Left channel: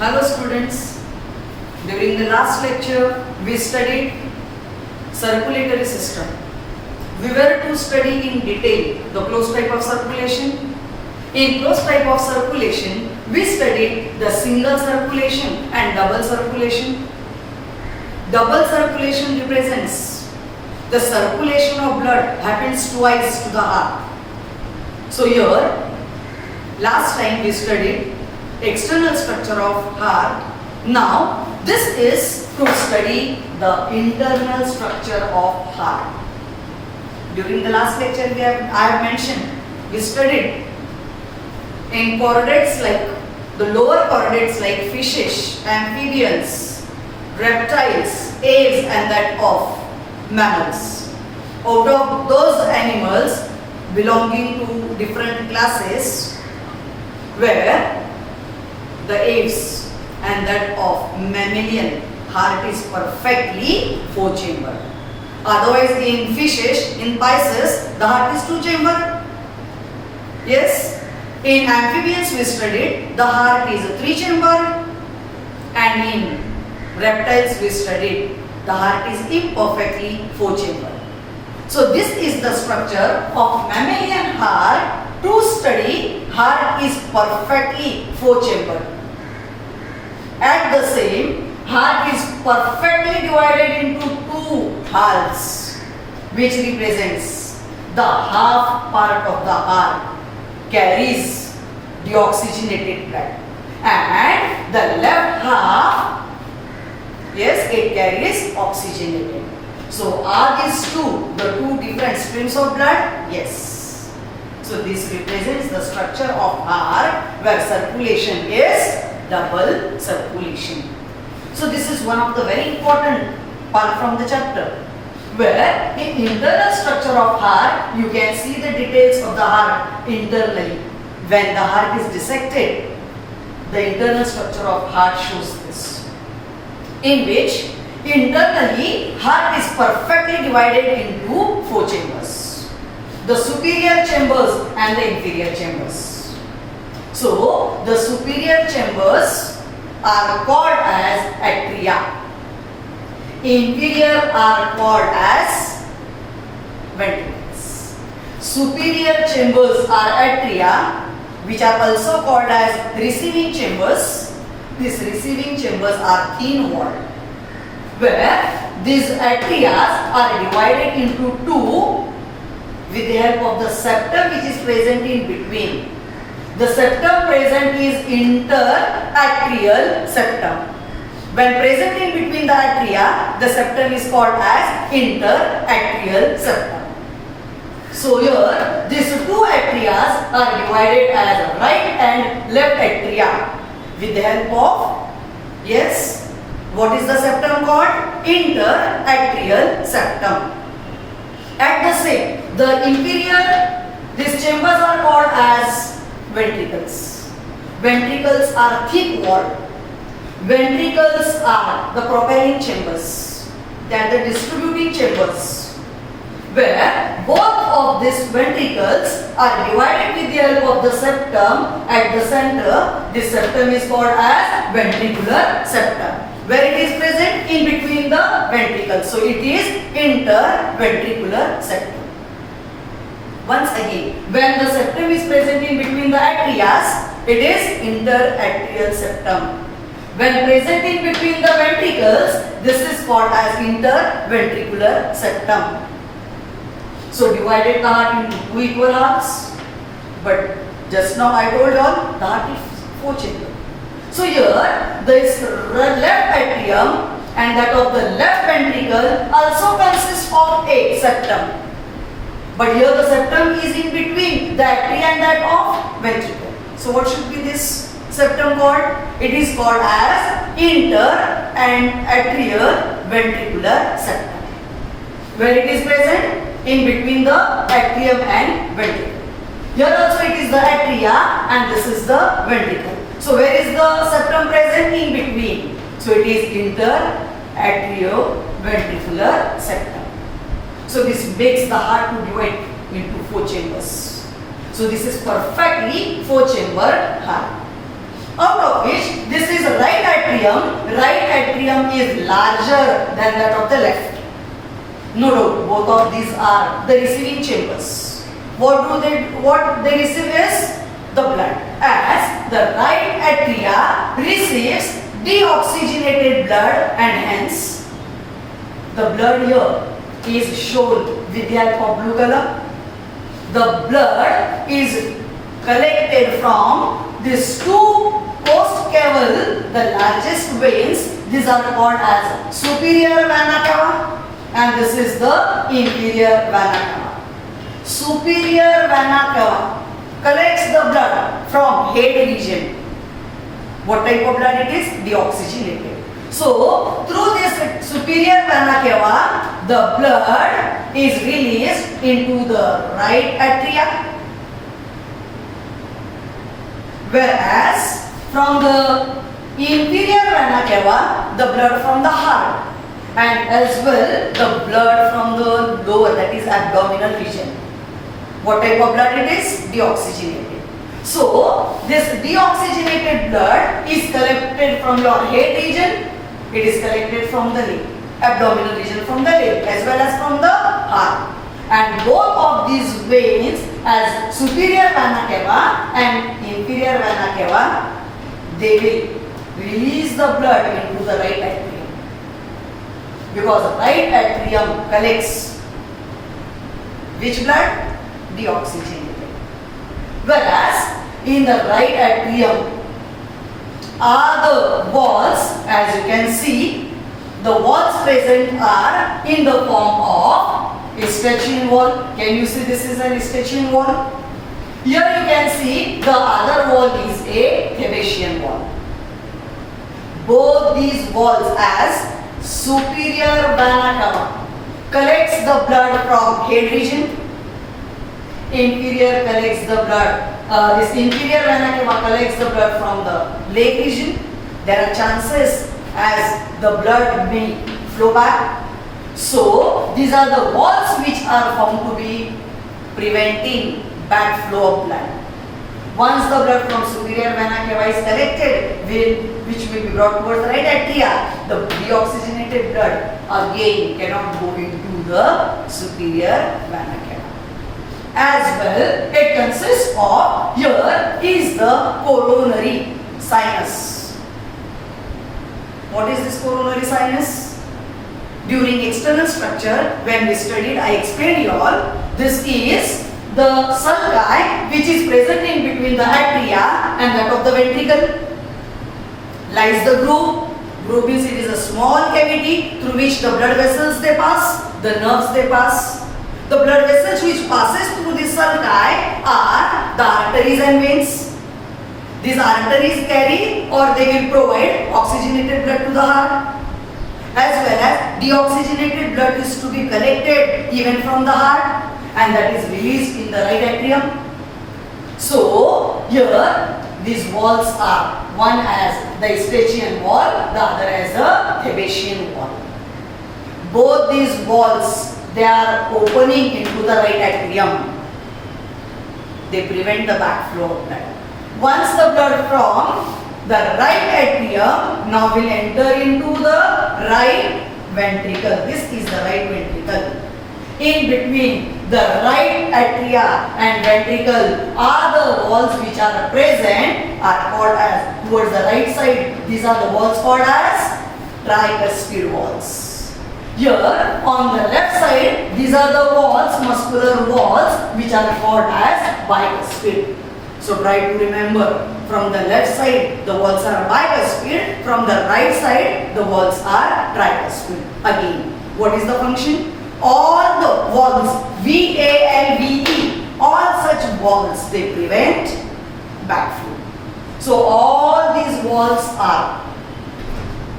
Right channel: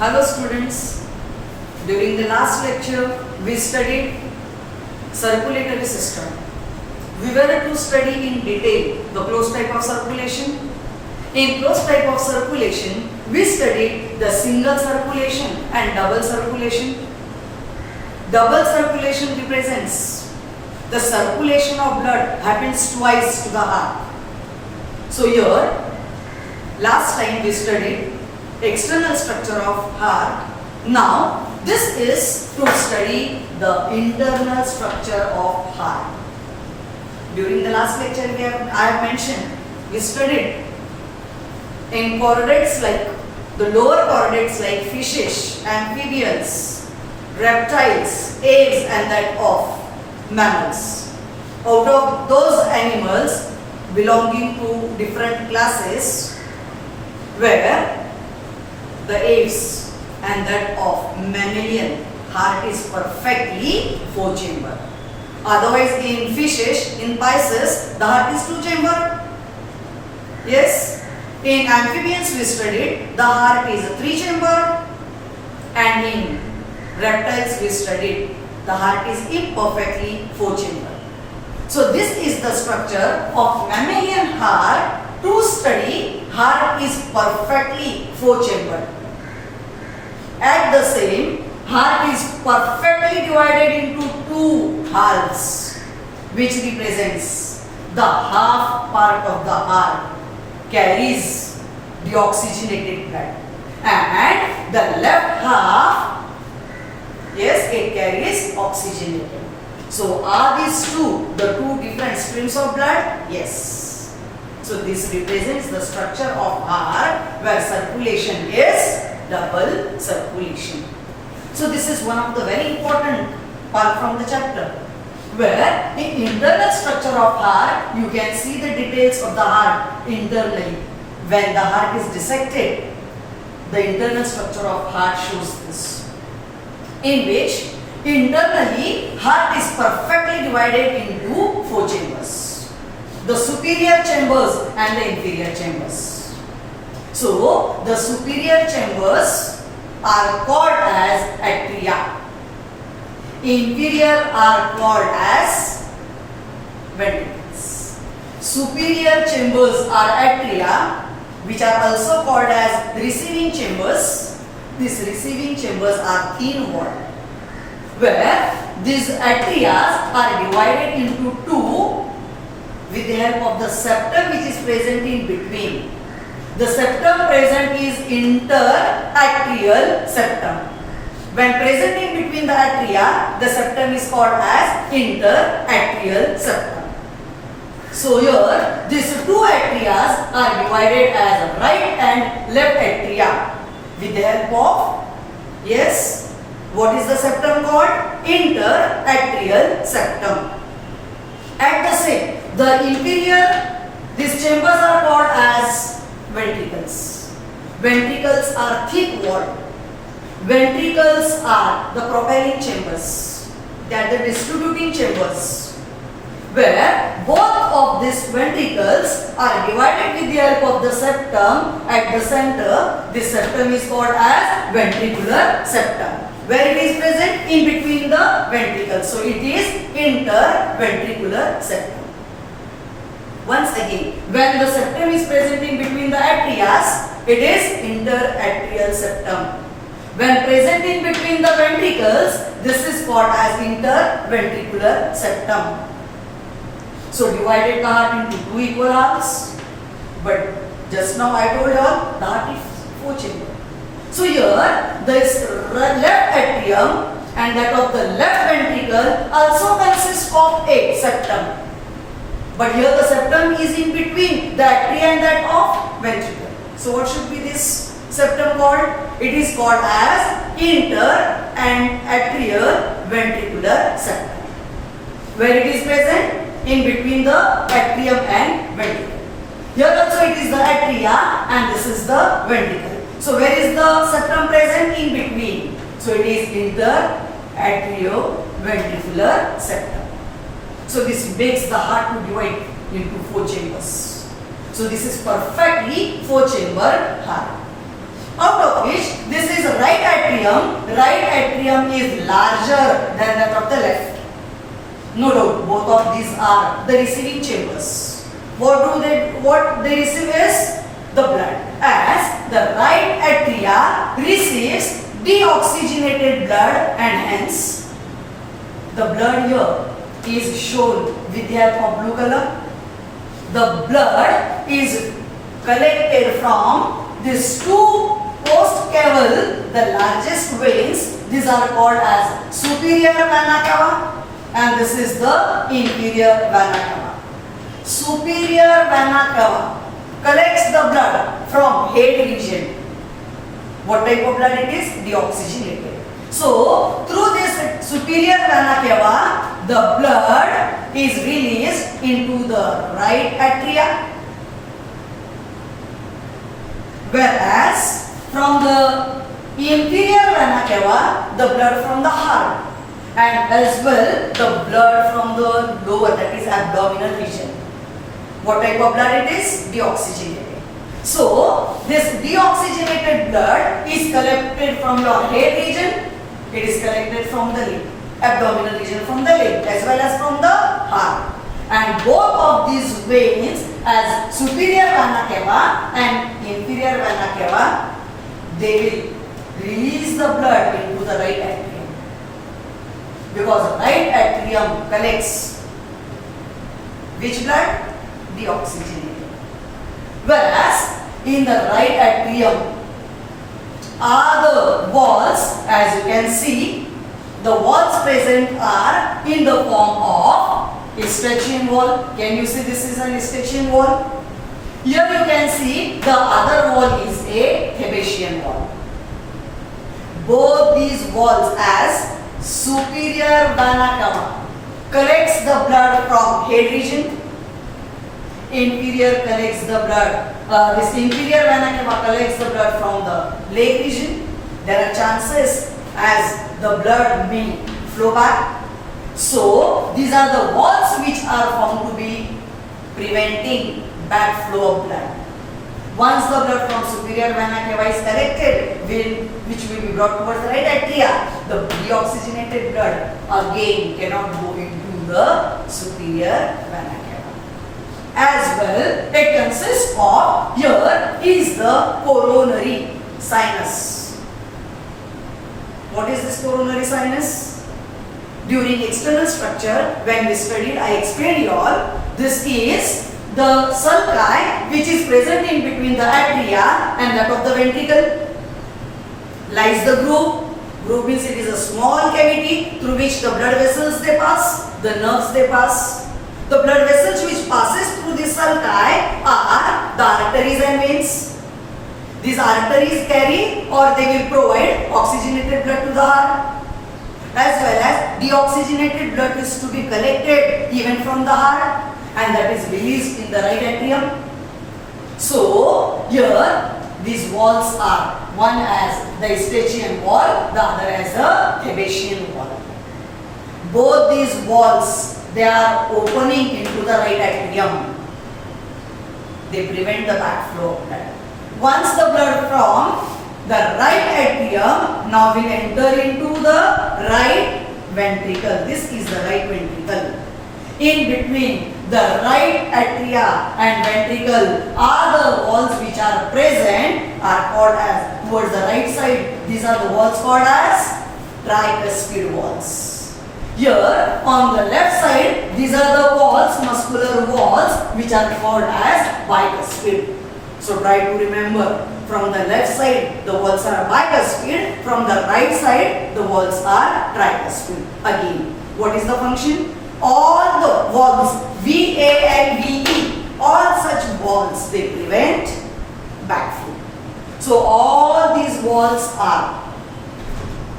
Hello students, during the last lecture we studied circulatory system. We were to study in detail the closed type of circulation. In closed type of circulation we studied the single circulation and double circulation. Double circulation represents the circulation of blood happens twice to the heart. So here last time we studied external structure of heart. Now this is to study the internal structure of heart. During the last lecture I have mentioned we studied in chordates like the lower chordates like fishes, amphibians, reptiles, aves and that of mammals. Out of those animals belonging to different classes where the aves and that of mammalian heart is perfectly 4-chamber. Otherwise in fishes, in Pisces, the heart is 2-chamber. Yes. In amphibians we studied the heart is a 3-chamber, and in reptiles we studied the heart is imperfectly 4-chamber. So this is the structure of mammalian heart. To study heart is perfectly 4-chamber. At the same, heart is perfectly divided into 2 halves, which represents the half part of the heart carries the oxygenated blood, and the left half, yes, it carries oxygenated. So are these the 2 different streams of blood? Yes. So this represents the structure of heart where circulation is double circulation. So this is one of the very important part from the chapter, where in internal structure of heart you can see the details of the heart internally. When the heart is dissected, the internal structure of heart shows this, in which internally heart is perfectly divided into 4 chambers, the superior chambers and the inferior chambers. So the superior chambers are called as atria. Inferior are called as ventricles. Superior chambers are atria, which are also called as receiving chambers. These receiving chambers are thin walled, where these atrias are divided into 2 with the help of the septum which is present in between. The septum present is interatrial septum. When present in between the atria, the septum is called as interatrial septum. So here, these 2 atrias are divided as right and left atria with the help of, yes, what is the septum called? Interatrial septum. At the same, the inferior, these chambers are called as ventricles. Ventricles are thick walled. Ventricles are the propelling chambers. They are the distributing chambers, where both of these ventricles are divided with the help of the septum at the center. This septum is called as ventricular septum, where it is present in between the ventricles. So it is interventricular septum. Once again, when the septum is present in between the atrias, it is interatrial septum. When present in between the ventricles, this is called as interventricular septum. So divided the heart into 2 equal halves, but just now I told you all the heart is 4-chamber. So here this left atrium and that of the left ventricle also consists of a septum. But here the septum is in between the atria and that of ventricle. So what should be this septum called? It is called as inter and atrial ventricular septum, where it is present in between the atrium and ventricle. Here also it is the atria and this is the ventricle. So where is the septum present? In between. So it is interatrioventricular septum. So this makes the heart to divide into 4 chambers. So this is perfectly 4-chamber heart. Out of which this is right right atrium is larger than that of the left. No doubt, both of these are the receiving chambers. What they receive is the blood. As the right atria receives deoxygenated blood, and hence the blood here is shown with the help of blue color. The blood is collected from these two post-caval, the largest veins. These are called as superior vena cava, and this is the inferior vena cava. Superior vena cava collects the blood from head region. What type of blood it is? Deoxygenated. So, through this superior vena cava, the blood is released into the right atria. Whereas, from the inferior vena cava, the blood from the heart, and as well the blood from the lower, that is abdominal region. What type of blood it is? Deoxygenated. So, this deoxygenated blood is collected from your head region. It is collected from the leg, abdominal region from the leg, as well as from the heart. And both of these veins, as superior vena cava and inferior vena cava, they will release the blood into the right atrium. Because right atrium collects which blood? Deoxygenated. Whereas in the right atrium are the walls, as you can see, the walls present are in the form of Eustachian wall. Can you see this is an Eustachian wall? Here you can see the other wall is a Thebesian wall. Both these walls as superior vena cava collects the blood from head region. Inferior collects the blood. This inferior vena cava collects the blood from the leg region. There are chances as the blood may flow back. So these are the walls which are found to be preventing bad flow of blood. Once the blood from superior vena cava is collected, which will be brought towards the right atria, the deoxygenated blood again cannot go into the superior vena cava. As well, it consists of, here is the coronary sinus. What is this coronary sinus? During external structure, when we studied, I explained you all, this is the sulci which is present in between the atria and that of the ventricle. Lies the groove. Groove means it is a small cavity through which the blood vessels they pass, the nerves they pass. The blood vessels which passes through the sulci are the arteries and veins. These arteries carry or they will provide oxygenated blood to the heart. As well as deoxygenated blood is to be collected even from the heart, and that is released in the right atrium. So, here these walls are, one as the Eustachian wall, the other as the Thebesian wall. Both these walls, they are opening into the right atrium. They prevent the backflow of blood. Once the blood from the right atrium now will enter into the right ventricle. This is the right ventricle. In between the right atria and ventricle are the walls which are present, are called as, towards the right side, these are the walls called as tricuspid walls. Here on the left side, these are the walls, muscular walls, which are called as bicuspid. So try to remember, from the left side the walls are bicuspid, from the right side the walls are tricuspid. Again, what is the function? All the walls, VALVE, all such walls, they prevent backflow. So all these walls are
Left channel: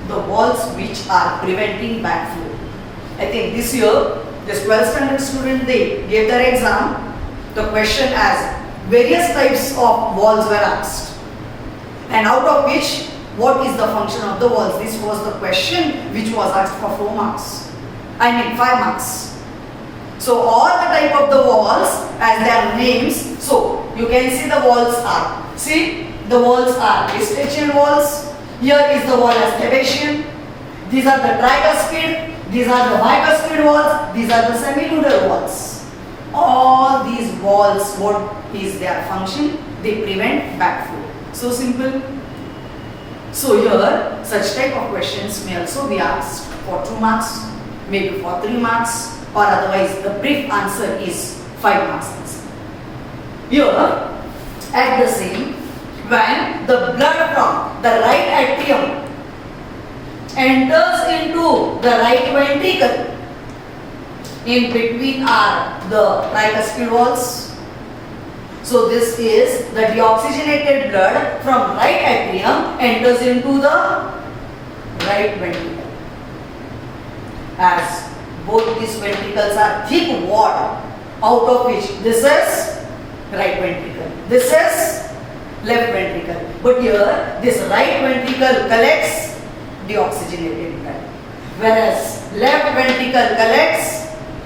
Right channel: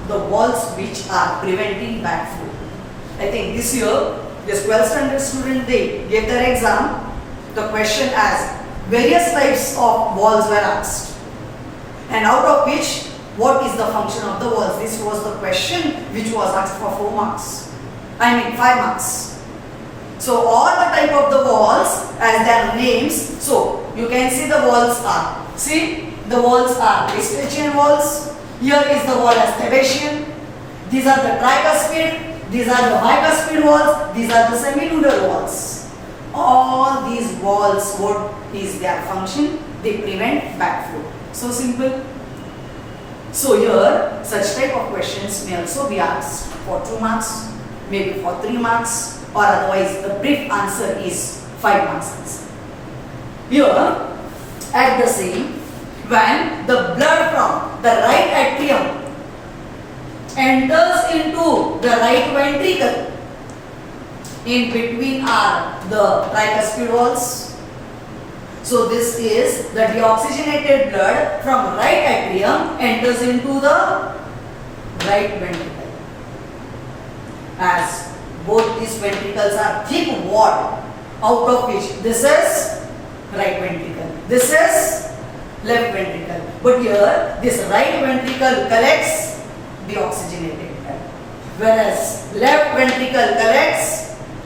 the walls which are preventing backflow. I think this year, this 12th standard student, they gave their exam. The question as various types of walls were asked, and out of which, what is the function of the walls? This was the question which was asked for 4 marks. 5 marks. So all the type of the walls as their names. So you can see the walls are. See, the walls are Eustachian walls, Here is the wall as Thebesian. These are the tricuspid. These are the bicuspid walls. These are the semilunar walls. All these walls, what is their function? They prevent backflow. So simple. So here, such type of questions may also be asked for 2 marks, maybe for 3 marks, or otherwise the brief answer is 5 marks answer. Here, at the same, when the blood from the right atrium enters into the right ventricle, in between are the tricuspid walls. So this is the deoxygenated blood from right atrium enters into the right ventricle. As both these ventricles are thick wall, out of which this is right ventricle, this is left ventricle. But here this right ventricle collects deoxygenated blood, whereas left ventricle collects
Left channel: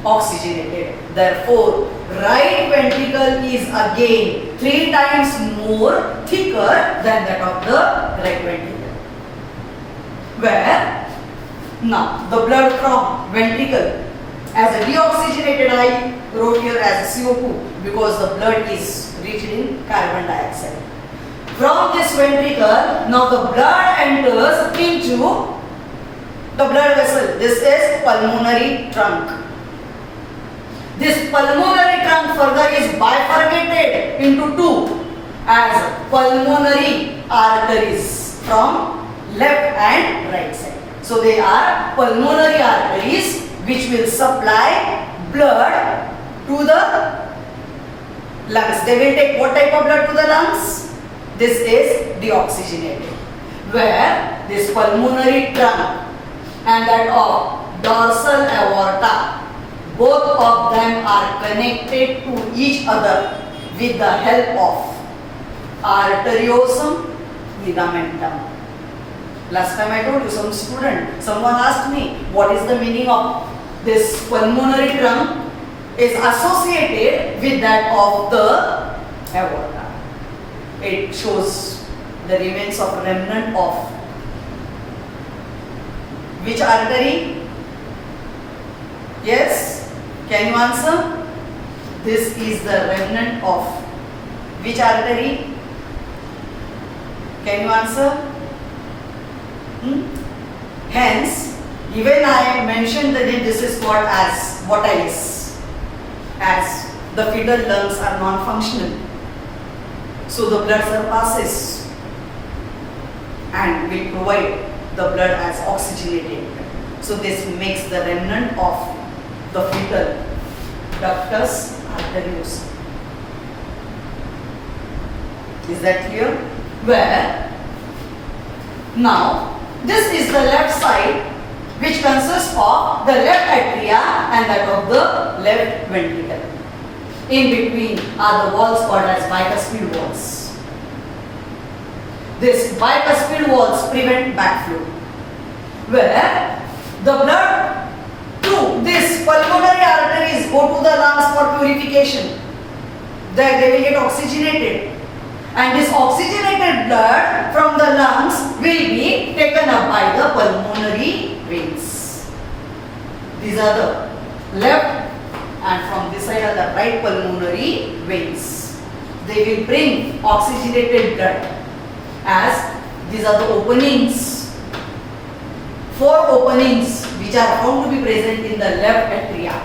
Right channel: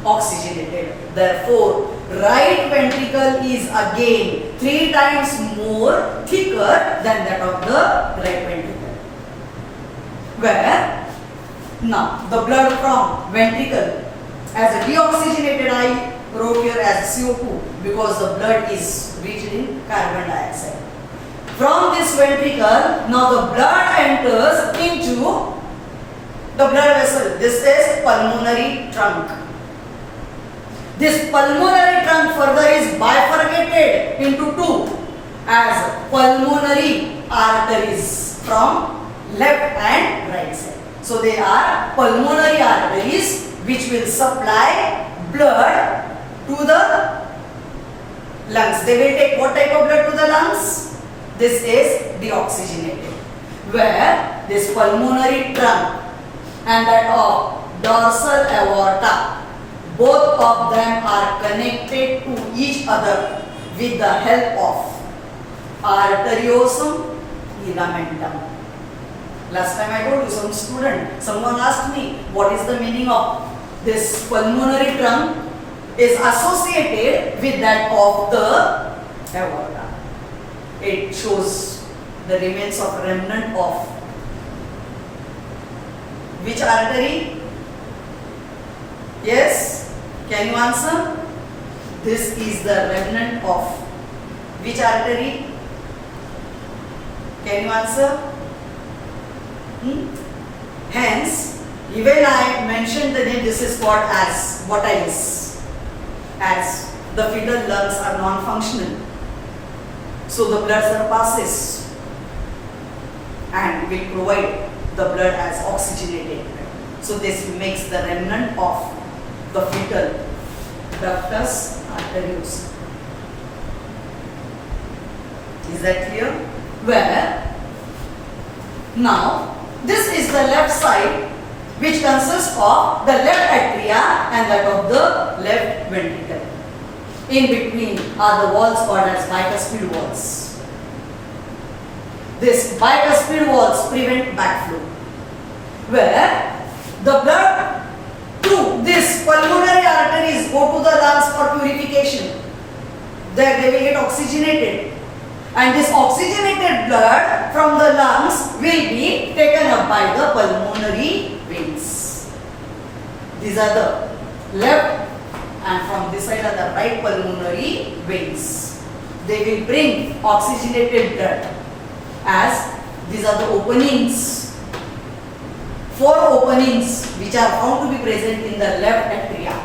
oxygenated. Therefore, right ventricle is again 3 times more thicker than that of the right ventricle. Where now the blood from ventricle as a deoxygenated, I wrote here as CO2 because the blood is rich in carbon dioxide. From this ventricle, now the blood enters into the blood vessel. This is pulmonary trunk. This pulmonary trunk further is bifurcated into 2 as pulmonary arteries from left and right side. So they are pulmonary arteries which will supply blood to the lungs. They will take what type of blood to the lungs? This is deoxygenated. Where this pulmonary trunk and that of dorsal aorta, both of them are connected to each other with the help of arteriosum ligamentum. Last time I told you, someone asked me what is the meaning of this pulmonary trunk is associated with that of the aorta. It shows the remains of remnant of which artery? Yes? Can you answer? This is the remnant of which artery? Can you answer? Hence, even I mentioned the name, this is called as Bottilis, as the fetal lungs are non-functional. So the blood surpasses and will provide the blood as oxygenated. So this makes the remnant of the fetal ductus arteriosus. Is that clear? Where now this is the left side which consists of the left atria and that of the left ventricle. In between are the walls called as bicuspid walls. These bicuspid walls prevent backflow, where the blood to these pulmonary arteries go to the lungs for purification. There they will get oxygenated. And this oxygenated blood from the lungs will be taken up by the pulmonary veins. These are the left and from this side are the right pulmonary veins. They will bring oxygenated blood as these are the openings. 4 openings which are found to be present in the left atria.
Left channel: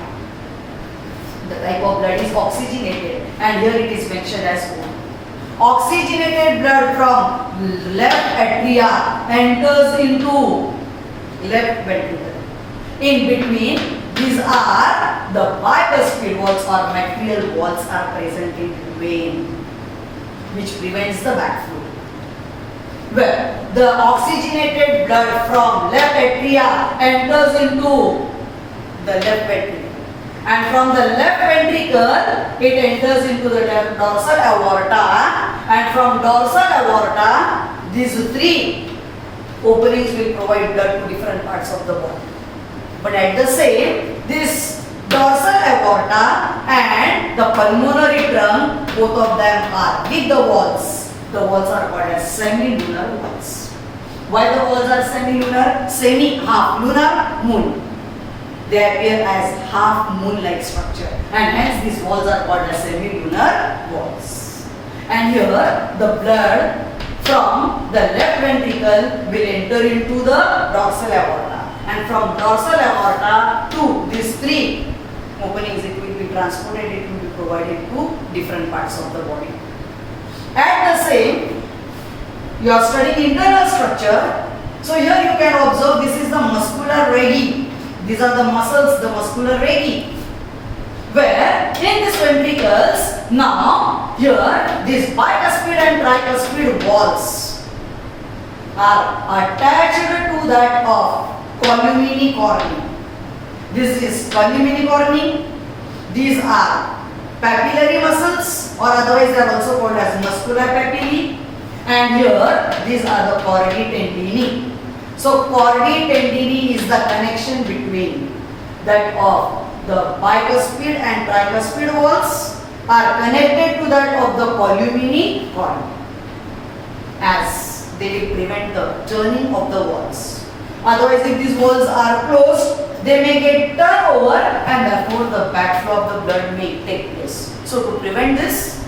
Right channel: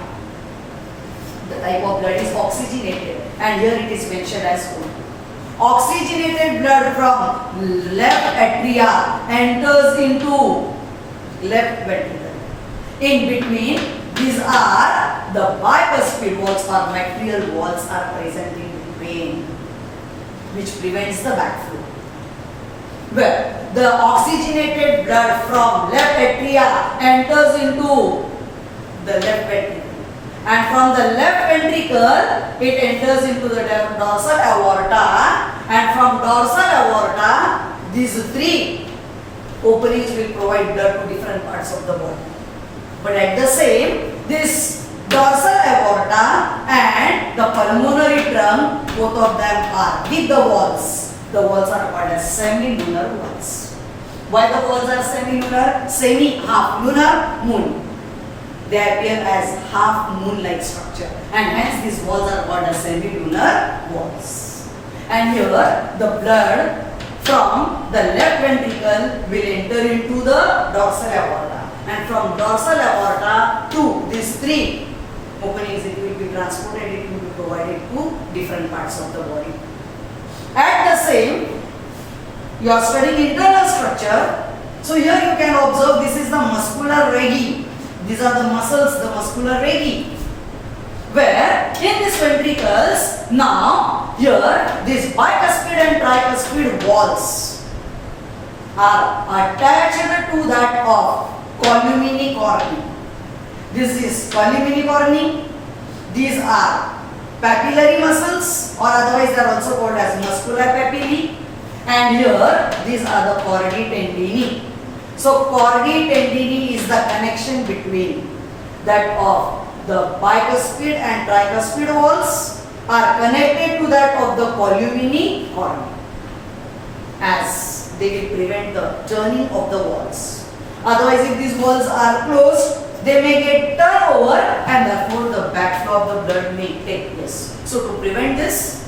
The type of blood is oxygenated and here it is mentioned as O. Oxygenated blood from left atria enters into left ventricle. In between, these are the bicuspid walls or material walls are present in vein, which prevents the backflow. Where the oxygenated blood from left atria enters into the left ventricle. And from the left ventricle, it enters into the dorsal aorta, and from dorsal aorta, these 3 openings will provide blood to different parts of the body. But at the same, this dorsal aorta and the pulmonary trunk, both of them are with the walls. The walls are called as semilunar walls. Why the walls are semi-lunar? Semi-half lunar moon. They appear as half moon-like structure, and hence these walls are called as semi-lunar walls. And here the blood from the left ventricle will enter into the dorsal aorta, and from dorsal aorta to these three openings it will be transported, it will be provided to different parts of the body. At the same, you are studying internal structure. So here you can observe this is the muscular regi. These are the muscles, the muscular regi. Where in these ventricles, now here these bicuspid and tricuspid walls are attached to that of columni corni. This is columni corni. These are papillary muscles, or otherwise they are also called as muscular papillae. And here these are the chordae tendineae. So chordae tendineae is the connection between that of the bicuspid and tricuspid walls are connected to that of the columni corni, as they will prevent the turning of the walls. Otherwise, if these walls are closed, they may get turned over and therefore the backflow of the blood may take place. So to prevent this,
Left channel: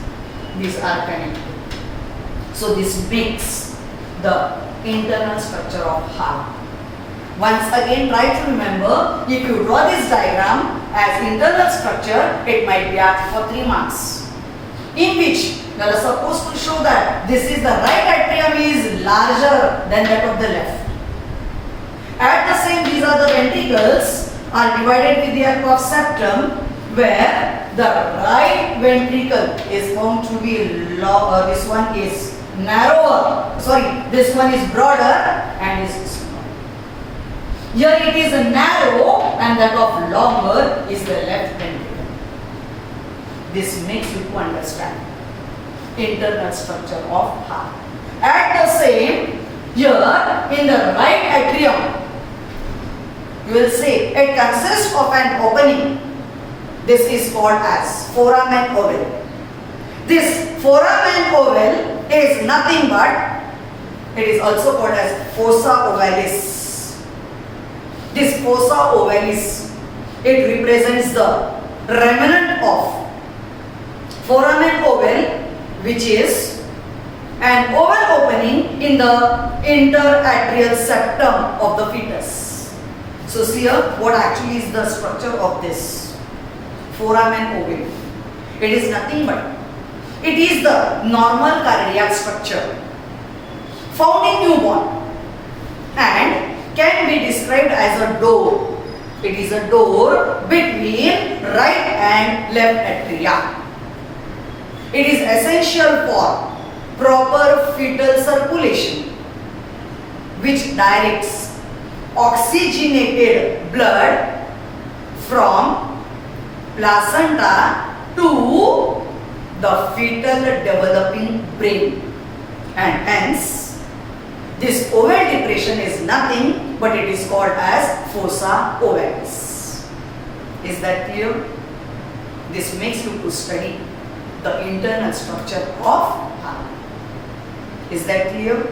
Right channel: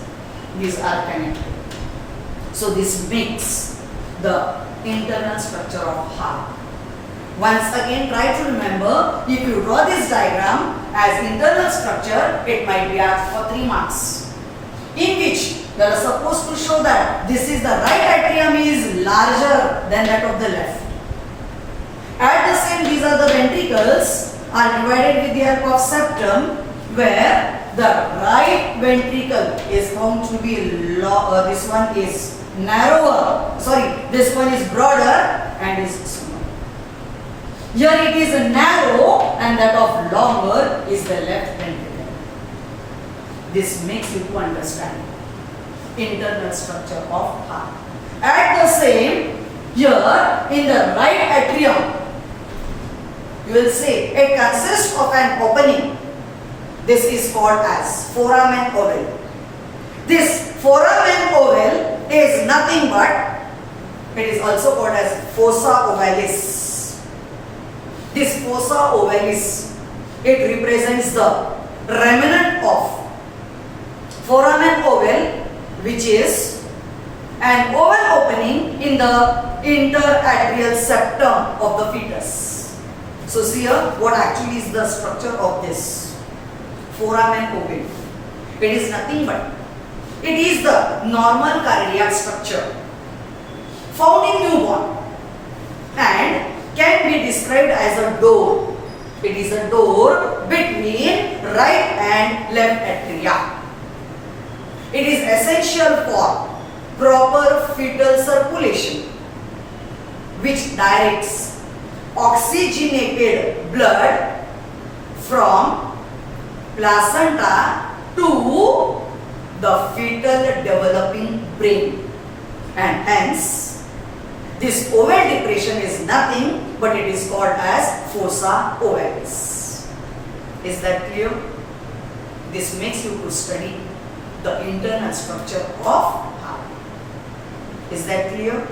these are connected. So this makes the internal structure of heart. Once again, try to remember, if you draw this diagram as internal structure, it might be asked for 3 marks, in which you are supposed to show that this is the right atrium is larger than that of the left. At the same, these are the ventricles are divided with the help of septum, where the right ventricle is found to be this one is narrower, this one is broader and is smaller. Here it is a narrow and that of longer is the left ventricle. This makes you to understand internal structure of heart. At the same, here in the right atrium, you will say it consists of an opening. This is called as foramen ovale. This foramen ovale is nothing but, it is also called as fossa ovalis. This fossa ovalis, it represents the remnant of foramen ovale, which is an oval opening in the interatrial septum of the fetus. So see here what actually is the structure of this foramen ovale. It is nothing but, it is the normal cardiac structure found in newborn and can be described as a door. It is a door between right and left atria. It is essential for proper fetal circulation, which directs oxygenated blood from placenta to the fetal developing brain, and hence this oval depression is nothing but it is called as fossa ovalis. Is that clear? This makes you to study the internal structure of heart. Is that clear?